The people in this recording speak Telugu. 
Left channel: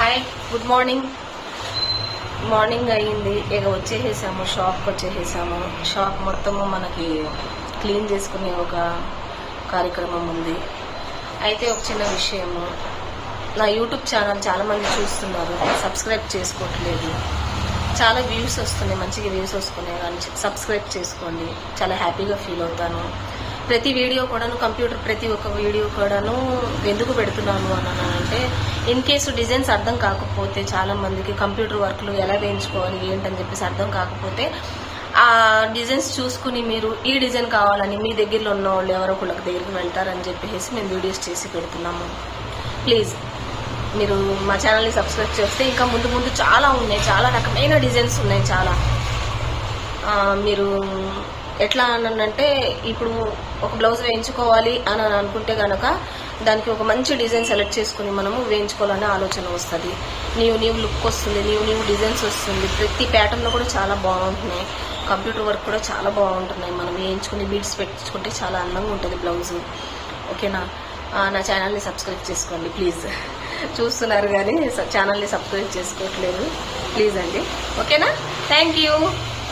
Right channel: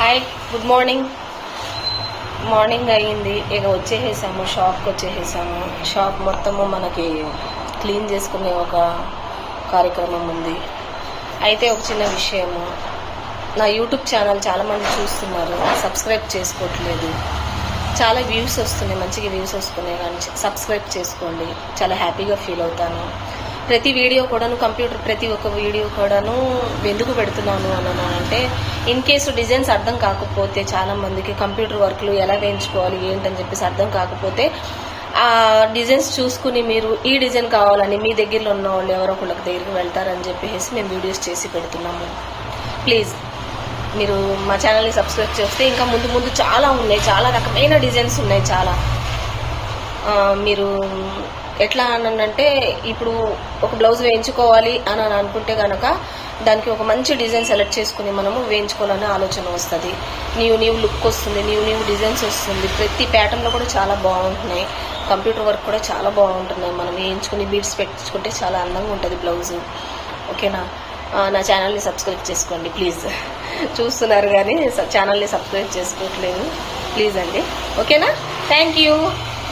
Hi, good morning. మార్నింగ్ అయ్యింది, ఇక వచ్చేసాము, షాప్కి వచ్చేసాము. షాప్ మొత్తము మనకి క్లీన్ చేసుకునే ఒక కార్యక్రమం ఉంది. అయితే ఒక చిన్న విషయము, నా యూట్యూబ్ ఛానల్ చాలామంది చూస్తున్నారు, సబ్స్క్రైబ్ చేసుకోవట్లేదు. చాలా వ్యూస్ వస్తున్నాయి, మంచిగా వ్యూస్ వస్తున్నాయి, కానీ సబ్స్క్రైబ్ చేసుకోండి. చాలా హ్యాపీగా ఫీల్ అవుతాను. ప్రతి వీడియో కూడాను ప్రతి ఒక్క వీడియో కూడాను ఎందుకు పెడుతున్నాను అని అంటే, ఇన్ కేసు డిజైన్స్ అర్థం కాకపోతే, చాలామందికి కంప్యూటర్ వర్క్లు ఎలా వేయించుకోవాలి ఏంటని చెప్పేసి అర్థం కాకపోతే, ఆ డిజైన్స్ చూసుకుని మీరు ఈ డిజైన్ కావాలని మీ దగ్గరలో ఉన్న వాళ్ళు ఎవరో ఒకళ్ళకి దగ్గరికి వెళ్తారని చెప్పేసి మేము వీడియోస్ చేసి పెడుతున్నాము. ప్లీజ్ మీరు మా ఛానల్ని సబ్స్క్రైబ్ చేస్తే ఇంకా ముందు ముందు చాలా ఉన్నాయి, చాలా రకమైన డిజైన్స్ ఉన్నాయి. చాలా మీరు ఎట్లా అనంటే, ఇప్పుడు ఒక బ్లౌజ్ వేయించుకోవాలి అని అనుకుంటే కనుక దానికి ఒక మంచి డిజైన్ సెలెక్ట్ చేసుకుని మనము వేయించుకోవాలనే ఆలోచన వస్తుంది. న్యూ లుక్ వస్తుంది, న్యూ డిజైన్స్ వస్తుంది. ప్రతి ప్యాటర్న్లో కూడా చాలా బాగుంటున్నాయి. కంప్యూటర్ వర్క్ కూడా చాలా బాగుంటున్నాయి. మనం వేయించుకుని బీడ్స్ పెట్టించుకుంటే చాలా అందంగా ఉంటుంది బ్లౌజు. ఓకేనా? నా ఛానల్ని సబ్స్క్రైబ్ చేసుకోండి ప్లీజ్. చూస్తున్నారు కానీ ఛానల్ని సబ్స్క్రైబ్ చేసుకోవట్లేదు, ప్లీజ్ అండి. ఓకేనా? Thank you.